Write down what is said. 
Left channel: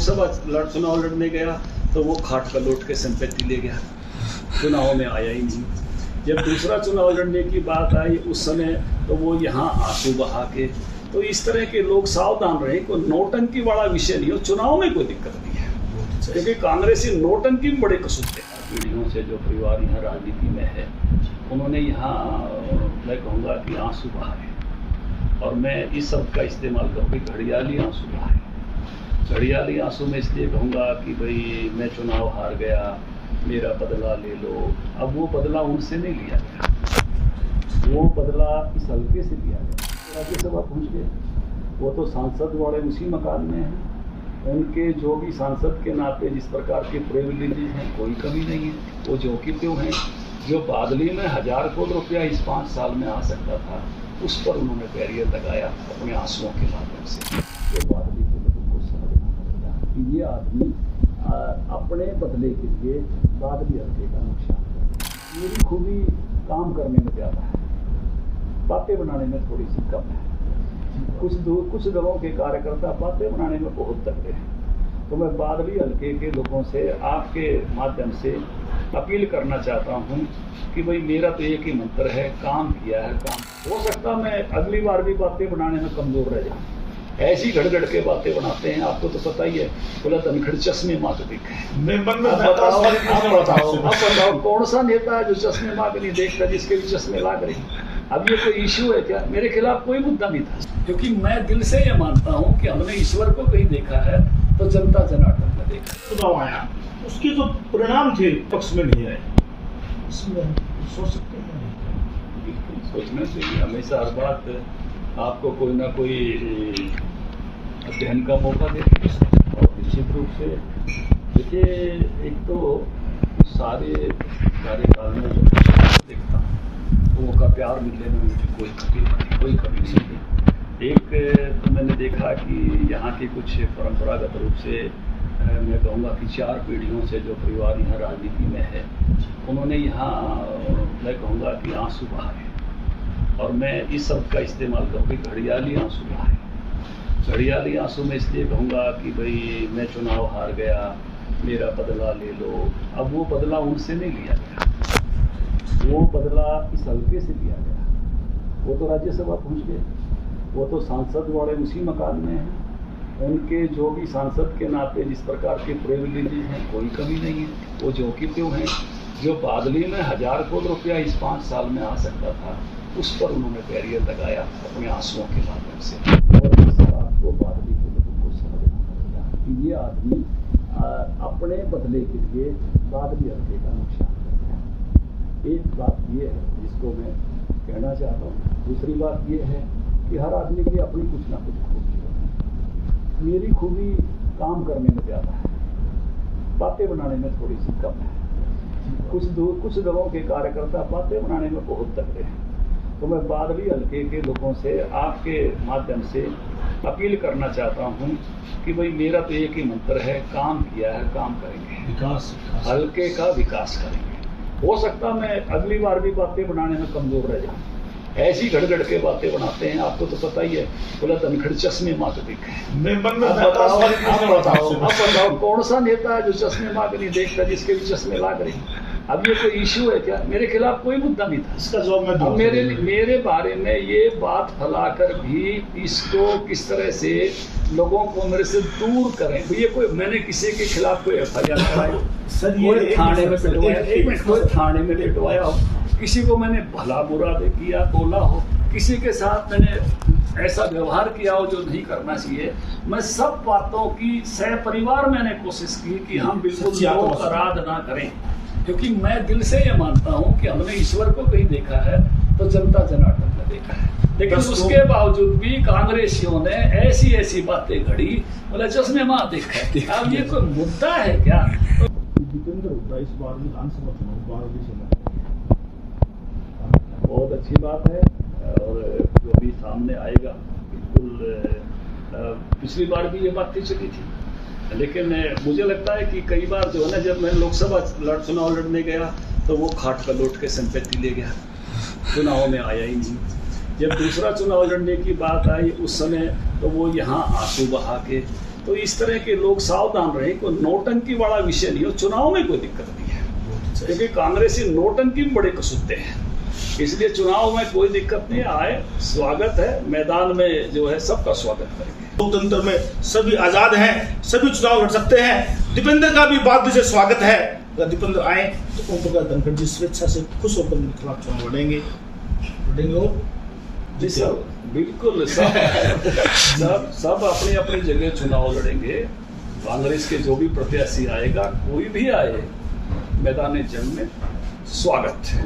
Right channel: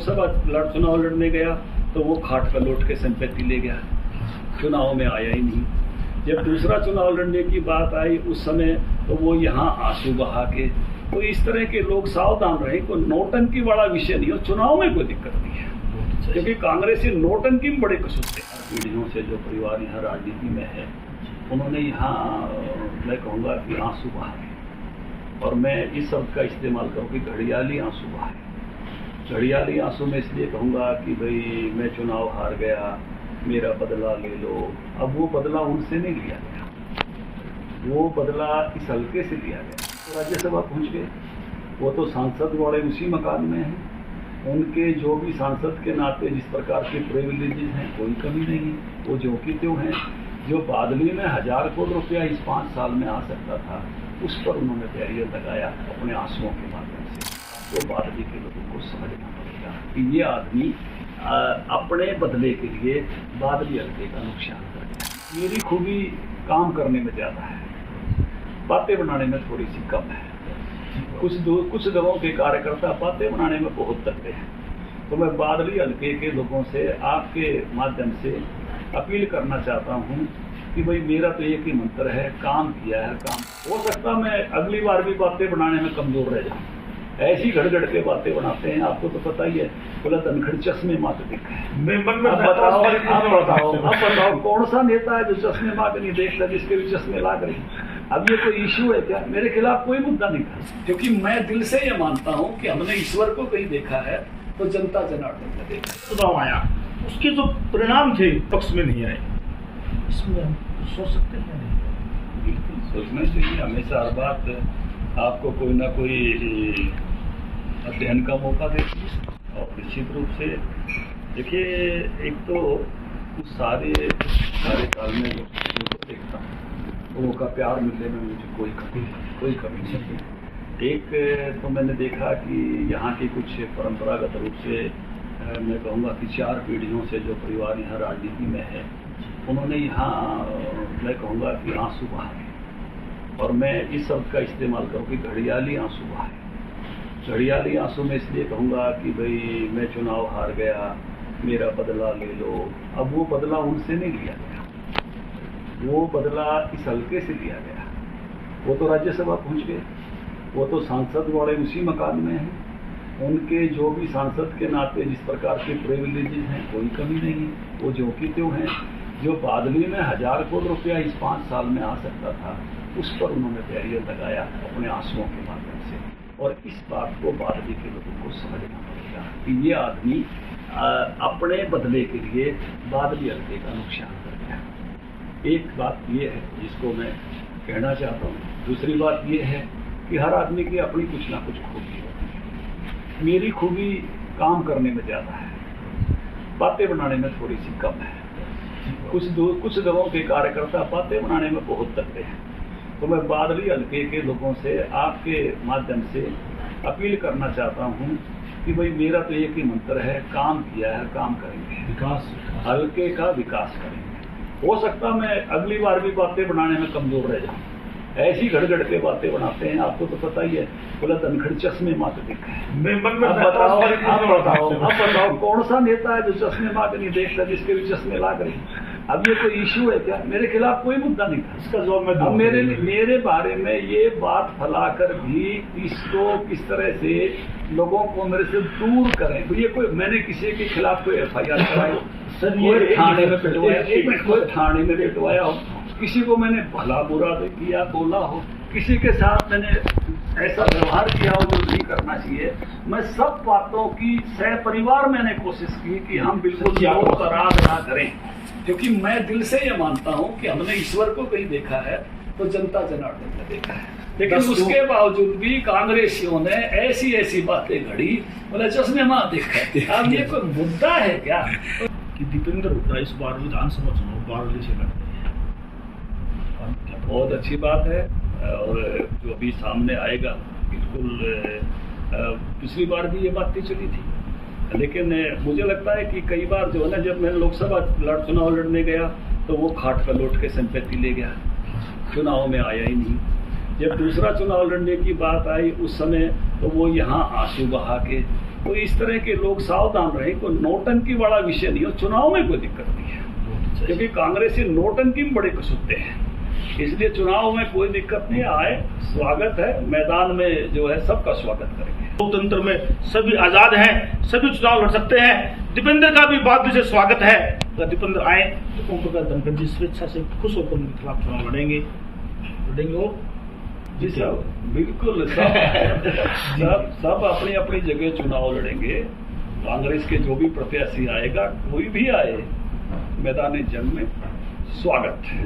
लोकसभा चुनाव लड़ने गया तो वो खाट का लौट के संपत्ति ले गया, चुनाव में आया ही नहीं। जब दूसरा चुनाव लड़ने की बात आई उस समय तो वो यहाँ आंसू बहा के। तो इस तरह के लोग सावधान रहें, कोई नोटंकी वाला विषय नहीं हो, चुनाव में कोई दिक्कत नहीं है, क्योंकि कांग्रेसी नोटंकी में बड़े कसूते हैं। पीढ़ियों से जो परिवार यहाँ राजनीति में है उन्होंने यहाँ मैं कहूँगा कि आंसू बहाए, और मैं इस शब्द का इस्तेमाल करूँ कि घड़ियाली आंसू बहाए। घड़ियाली आंसू में इसलिए कहूँगा कि भाई मैं चुनाव हार गया, मेरा बदला ले लो। अब वो बदला उनसे नहीं लिया गया, वो बदला इस हल्के से लिया गया। राज्यसभा पहुँच गए, वो तो सांसद वाले उसी मकान में हैं, उनके जो भी सांसद के नाते जिस प्रकार के प्रिविलेजेस हैं कोई कमी नहीं है, वो जो कि त्यों हैं। जो बादली में 1000 करोड़ रुपया इस 5 साल में आ सकता था उस पर उन्होंने बैरियर लगाया अपने आंसुओं के माध्यम से। तो बादली के लोगों को समझना पड़ेगा कि ये आदमी अपने बदले के लिए बादली हल्के का नुकसान कर गया। मेरी खूबी काम करने में ज़्यादा है, बातें बनाने में थोड़ी सी कम है। कुछ दलों के कार्यकर्ता बातें बनाने में बहुत तगड़े हैं। तो मैं बादली हल्के के लोगों से आपके माध्यम से अपील करना चाहता हूं कि भाई मेरा तो एक ही मंत्र है, काम किया है काम। हो सकता मैं अगली बार भी बातें बनाने में कमजोर रह जाऊं, ऐसी घड़ के बातें बनाते हैं। आपको तो पता ही है, बोला धनखड़ चश्मे माँ के देखे। अब बताओ कौन सा नेता है जो चश्मे माँ के नहीं देखता, जिसके भी चश्मे लाग रही। अब ये कोई इशू है क्या? मेरे खिलाफ कोई मुद्दा नहीं था, क्योंकि मैं दिल से ये मानता हूँ कि हमने ईश्वर को कहीं देखा है तो जनता जनार्दन को देखा। चुनाव आया, उसके जो परिणाम थे पक्ष में नहीं आए, इसमें हम सोच सकते हैं नहीं? बिल्कुल सोचना चाहिए। हमेशा हर बात आपको कोई ना कोई अध्ययन का मौका देती है, और निश्चित रूप से देखिए, एक तो सारे कार्यकाल में देखता हूँ लोगों का प्यार मिलने में मुझे कोई कमी नहीं है। एक तो मैंने देखा कि यहाँ की कुछ परंपरागत रूप से मैं कहूँगा कि 4 पीढ़ियों से जो परिवार यहाँ राजनीति में है उन्होंने यहाँ मैं कहूँगा कि आंसू बहाए, और मैं इस शब्द का इस्तेमाल करूँ कि घड़ियाली आंसू बहाए। घड़ियाली आंसू में इसलिए कहूँगा कि भाई मैं चुनाव हार गया, मेरा बदला ले लो। अब वो बदला उनसे नहीं लिया गया, वो बदला इस हल्के से लिया गया। वो तो राज्यसभा पहुँच गए, वो तो सांसद वाले उसी मकान में हैं, उनके जो भी सांसद के नाते जिस प्रकार के प्रिविलेजेस हैं कोई कमी नहीं है, वो जो कि त्यों हैं। जो बादली में 1000 करोड़ रुपया इस 5 साल में आ सकता था उस पर उन्होंने बैरियर लगाया अपने आंसुओं के माध्यम से। और इस बात को बादली के लोगों को समझना पड़ेगा कि ये आदमी अपने बदले के लिए बादली हल्के का नुकसान कर गया। एक बात ये है जिसको मैं कहना चाहता हूँ। दूसरी बात ये है कि हर आदमी की अपनी कुछ ना कुछ खूबी होती है। मेरी खूबी काम करने में ज़्यादा है, बातें बनाने में थोड़ी सी कम है। कुछ दलों के कार्यकर्ता बातें बनाने में बहुत तगड़े हैं। तो मैं बादली हल्के के लोगों से आपके माध्यम से अपील करना चाहता हूँ कि भाई मेरा तो एक ही मंत्र है, काम किया है काम करेंगे, विकास हल्के का विकास करेंगे। हो सकता मैं अगली बार भी बातें बनाने में कमजोर रह जाऊँ, ऐसी घड़ के बातें बनाते हैं। आपको तो पता ही है, बोला धनखड़ चश्मे माँ के देखे। अब बताओ कौन सा नेता है जो चश्मे माँ के नहीं देखता, जिसके भी चश्मे लाग रही। अब ये कोई इशू है क्या? मेरे खिलाफ कोई मुद्दा नहीं था, इसका जवाब मैं दूंगा। मेरे बारे में ये बात फैलाकर भी इसको किस तरह से लोगों को मेरे से दूर करें। ये कोई मैंने किसी के खिलाफ कोई FIR कराई, कोई थाने में पिटवाया, कोई थाने में पिटवाया हो, किसी को मैंने भला बुरा किया बोला हो, किसी के साथ मैंने ऐसा व्यवहार किया हो जो नहीं करना चाहिए। मैं सब बातों की सहपरिवार मैंने कोशिश की कि हम बिल्कुल अपराध ना करें, क्योंकि मैं दिल से ये मानता हूँ कि हमने ईश्वर को कहीं देखा है तो जनता जनार्दन को देखा है। लेकिन उसके बावजूद भी कांग्रेसियों ने ऐसी बातें घड़ी, बोला चश्मे माँ देखा। अब ये कोई मुद्दा है क्या? दीपेंद्र हुड्डा इस बार विधानसभा चुनाव बारडोली से लड़ रहे हैं, बहुत अच्छी बात है, और जो अभी सामने आएगा बिल्कुल। पिछली बार भी ये बातें चली थी, लेकिन मुझे लगता है कि कई बार जो है ना, जब मैं लोकसभा चुनाव लड़ने गया तो वो खाट का लौट के संपत्ति ले गया, चुनाव में आया ही नहीं। जब दूसरा चुनाव लड़ने की बात आई उस समय तो वो यहाँ आंसू बहा के। तो इस तरह के लोग सावधान रहे, कोई नौटंकी वाला विषय नहीं हो, चुनाव में कोई दिक्कत नहीं है, क्योंकि कांग्रेसी नौटंकी में बड़े कसूते हैं, इसलिए चुनाव में कोई दिक्कत नहीं आए, स्वागत है, मैदान में जो है सबका स्वागत करेंगे। लोकतंत्र में सभी आजाद हैं, सभी चुनाव लड़ सकते हैं। दीपेंद्र का भी बात से स्वागत है, अगर दीपेंद्र आए तो ओम प्रकाश धनखड़ जी स्वेच्छा से खुश होकर उनके खिलाफ चुनाव लड़ेंगे और जी सब बिल्कुल सब अपनी अपनी जगह चुनाव लड़ेंगे। कांग्रेस के जो भी प्रत्याशी आएगा, कोई भी आए, मैदान जंग में स्वागत है।